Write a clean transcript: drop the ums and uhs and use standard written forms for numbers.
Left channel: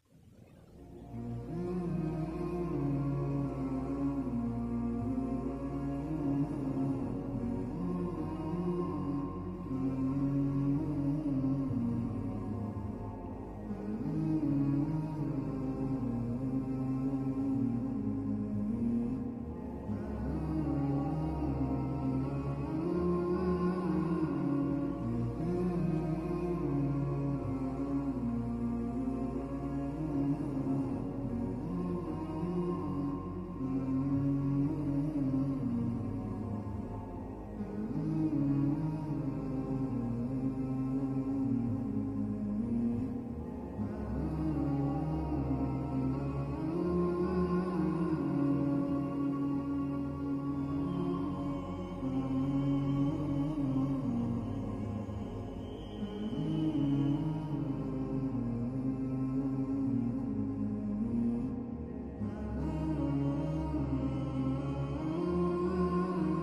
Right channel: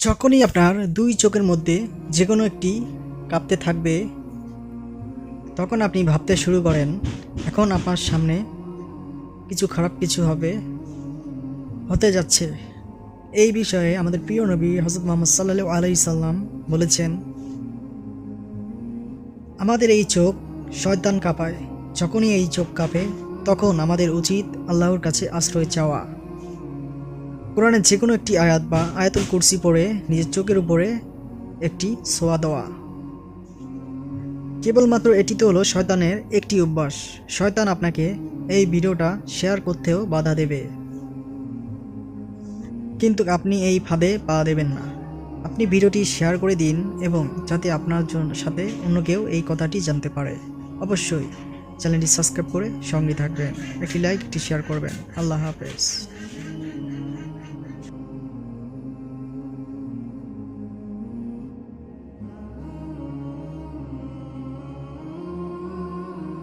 যখনই আপনার দুই চোখের মধ্যে যে কোনো একটি কাঁপতে থাকবে, তখন আপনি ভাবতে শুরু করেন এখন আপনার সামনে খারাপ কিছু হতে যাচ্ছে। এই বিষয়ে আমাদের প্রিয় নবী হযরত মুহাম্মদ সাল্লাল্লাহু আলাইহি সাল্লাম বলেছেন, আমাদের এই চোখ শয়তান কাঁপায়। যখনই এই চোখ কাঁপে, তখন আমাদের উচিত আল্লাহর কাছে আশ্রয় চাওয়া। কোরআনের যে কোনো একটি আয়াত বা আয়াতুল কুরসি পড়ে নিজের চোখের উপরে একটি ছোঁয়া দেওয়া। কেবলমাত্র এটি তো হলো শয়তানের একটি অভ্যাস। শয়তান আপনাকে এই ভিডিওটা শেয়ার করতেও বাধা দেবে, কিন্তু আপনি এই ফাঁদে পা দেবেন না। আপনি ভিডিওটি শেয়ার করে দিন, এবং যাতে আপনার সাথে অন্য কেউ এই কথাটি জানতে পারে। অবশ্যই চ্যানেলটি সাবস্ক্রাইব করে সঙ্গে থাকবেন, একটি লাইক, একটি শেয়ার করবেন। আল্লাহ হাফেজ।